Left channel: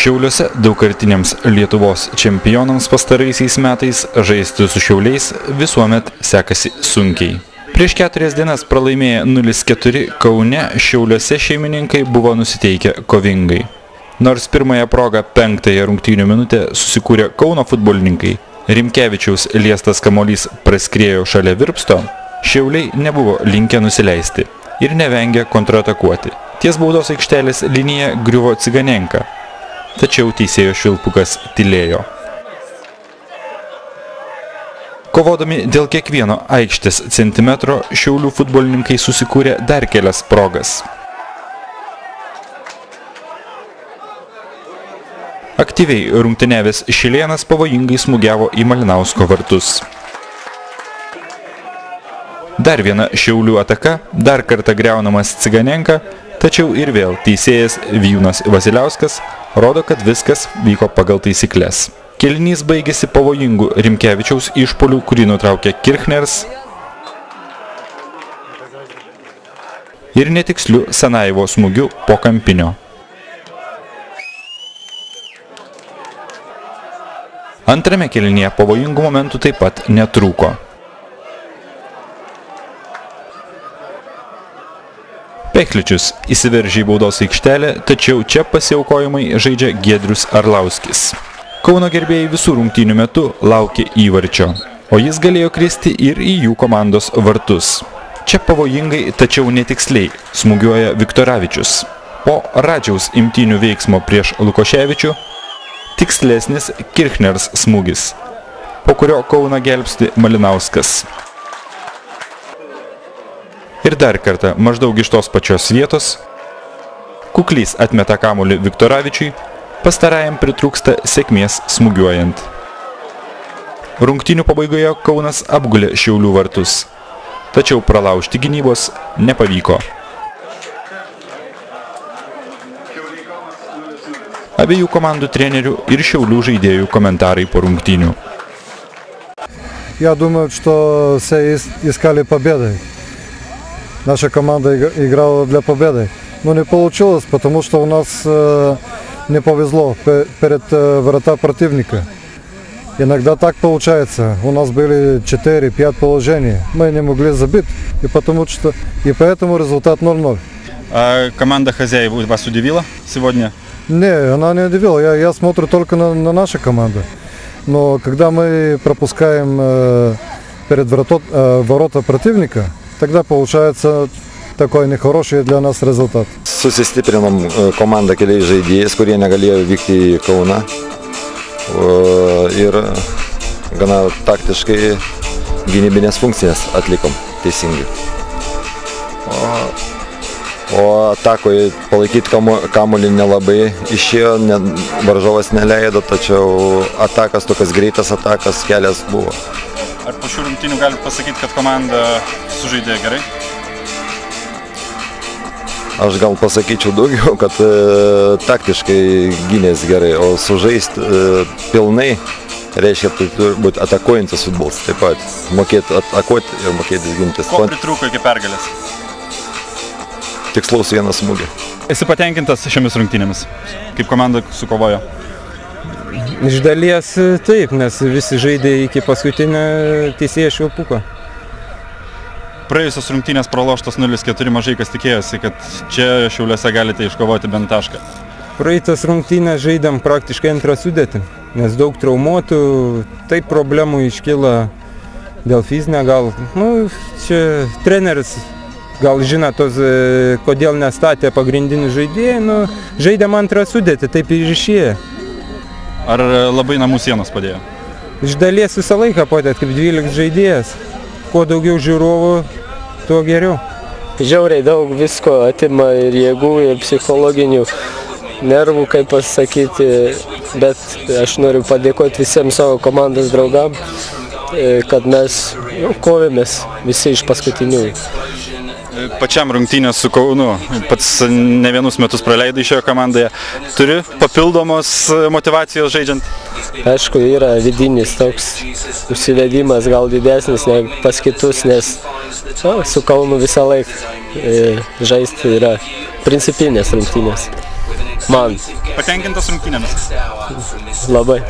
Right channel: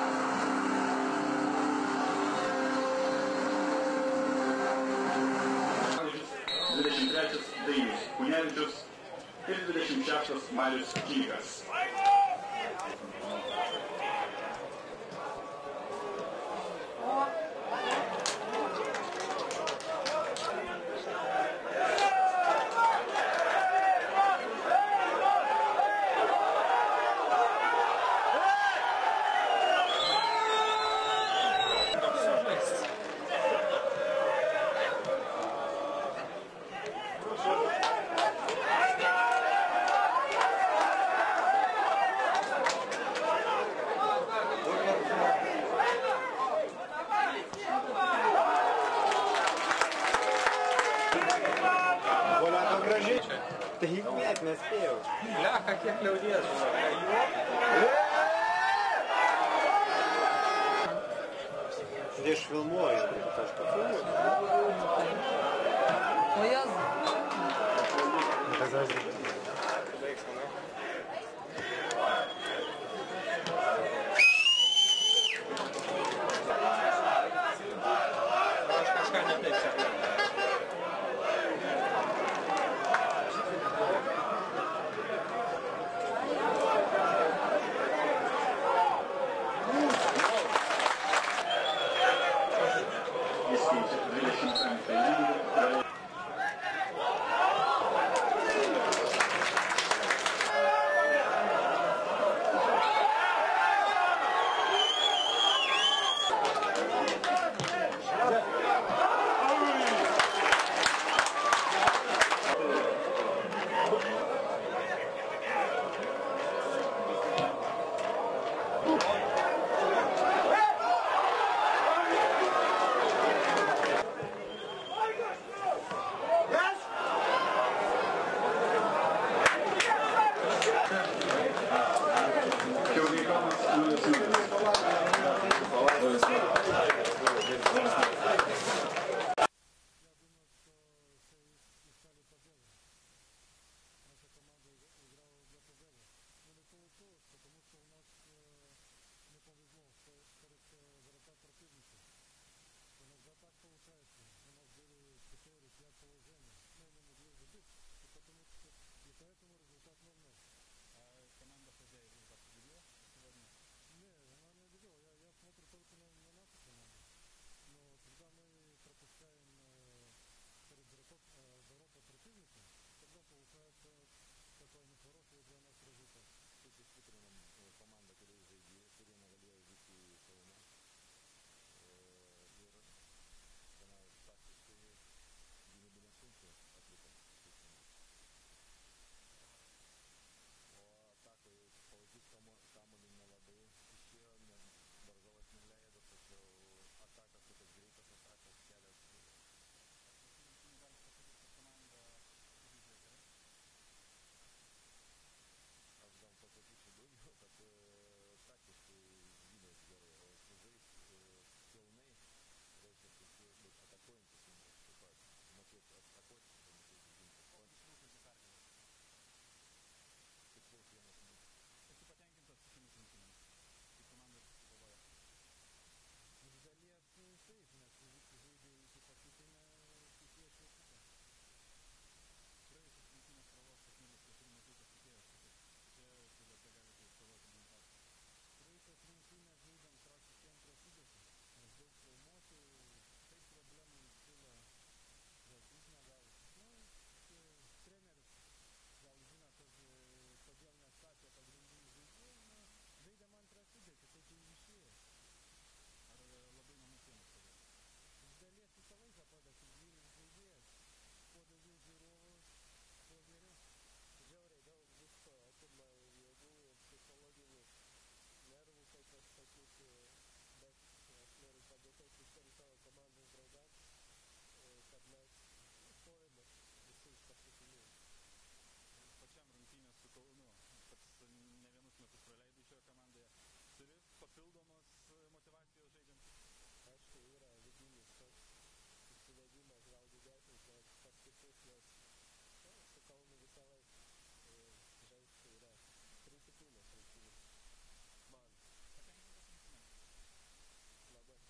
Šiauliuose daugkartiniams Lietuvos čempionams pastaraisiais metais žaisti su Šiauliais visuomet sekasi sunkiai. Prieš 4 dienas pralaimėję 0-4 Kaune, Šiauliuose šeimininkai buvo nusiteikę kovingai. Nors pirmąją progą 5-ąją rungtynių minutę susikūrė Kauno futbolininkai, Rimkevičiaus liestas kamuolys praskriejo šalia Virpsto, Šiauliai nebuvo linkę nusileisti ir nevengė kontratakuoti. Ties baudos aikštelės linija griuvo Ciganenka, tačiau teisėjo Švilpukas tylėjo. Kovodami dėl kiekvieno aikštės centimetro, Šiaulių futbolininkai susikūrė dar kelias progas. Aktyviai rungtyniavęs Šilėnas pavojingai smūgiavo į Malinausko vartus. Dar viena Šiaulių ataka, dar kartą griaunamas Ciganenka, tačiau ir vėl teisėjas Vijūnas Vasiliauskas rodo, kad viskas vyko pagal taisykles. Kėlinys baigėsi pavojingų Rimkevičiaus išpuolių, kurį nutraukė Kirchners, ir netikslių Sanajevo smūgių po kampinio. Antrame kėlinyje pavojingų momentų taip pat netrūko. Pekličius įsiveržė į baudos aikštelę, tačiau čia pasiaukojimai žaidžia Giedrius Arlauskis. Kauno gerbėjai visų rungtynių metu laukė įvarčio, o jis galėjo kristi ir į jų komandos vartus. Čia pavojingai, tačiau netiksliai smūgiuoja Viktoravičius. Po Radžiaus imtynių veiksmo prieš Lukoševičių tikslesnis Kirchners smūgis, po kurio Kauną gelbsti Malinauskas. Ir dar kartą, maždaug iš tos pačios vietos, Kuklys atmeta kamuolį Viktoravičiui, pastarajam pritrūksta sėkmės smūgiuojant. Rungtynių pabaigoje Kaunas apgulė Šiaulių vartus, tačiau pralaužti gynybos nepavyko. Abiejų komandų trenerių ir Šiaulių žaidėjų komentarai po rungtynių. Я думаю, что все искали победы. Наша команда играла для победы, но не получилось, потому что у нас не повезло перед врата противника. Иногда так получается. У нас были 4-5 положений. Мы не могли забить, и поэтому результат 0-0. А команда хозяев вас удивила сегодня? Не, она не удивила. Я смотрю только на нашу команду. Но когда мы пропускаем перед ворота противника, тогда получается такой нехороший для нас результат. Susistiprinom komandą keliais žaidėjais, kurie negalėjo vykti į Kauną. Ir gana taktiškai gynybinės funkcijas atlikom teisingai. O atakoje palaikyti kamuolį nelabai išėjo, varžovas neleido, tačiau atakas, tokias greitas atakas, kelias buvo. Ar po šių rungtynių galite pasakyti, kad komanda sužaidė gerai? Aš gal pasakyčiau daugiau, kad taktiškai gynės gerai, o sužaisti pilnai reiškia, tai turi būti atakuojantis futbolas. Taip pat mokėti atakuoti ir mokėti gintis. Ko pritrūko iki pergalės? Tikslaus vienas smūgį. Esi patenkintas šiomis rungtynėmis? Kaip komanda sukovojo? Iš dalies taip, nes visi žaidė iki paskutinio teisėjo Švilpuko. Praėjusios rungtynės praloštos 0-4, mažai kas tikėjosi, kad čia Šiauliuose galite iškovoti bent tašką. Praeitas rungtynės žaidėm praktiškai antrą sudėtį, nes daug traumuotų, taip problemų iškyla dėl fizinio, gal, čia treneris gal žino tos, kodėl nestatė pagrindinių žaidėjų, žaidėm antrą sudėtį, taip ir išėjo. Ar labai namų sienos padėjo? Iš dalies visą laiką padėjo, kaip 12 žaidėjas. Kuo daugiau žiūrovų, tuo geriau. Žiauriai daug visko atima ir jėgų, ir psichologinių nervų, kaip pasakyti, bet aš noriu padėkoti visiems savo komandos draugam, kad mes kovėmės visi iš paskutiniųjų. Pačiam rungtynės su Kaunu, pats ne vienus metus praleidai šioje komandoje. Turi papildomos motyvacijos žaidžiant? Aišku, yra vidinis toks užsivedimas gal didesnis negu pas kitus, nes su Kaunu visą laiką žaisti yra principinės rungtynės. Man. Patenkintas rungtynėmis? Labai.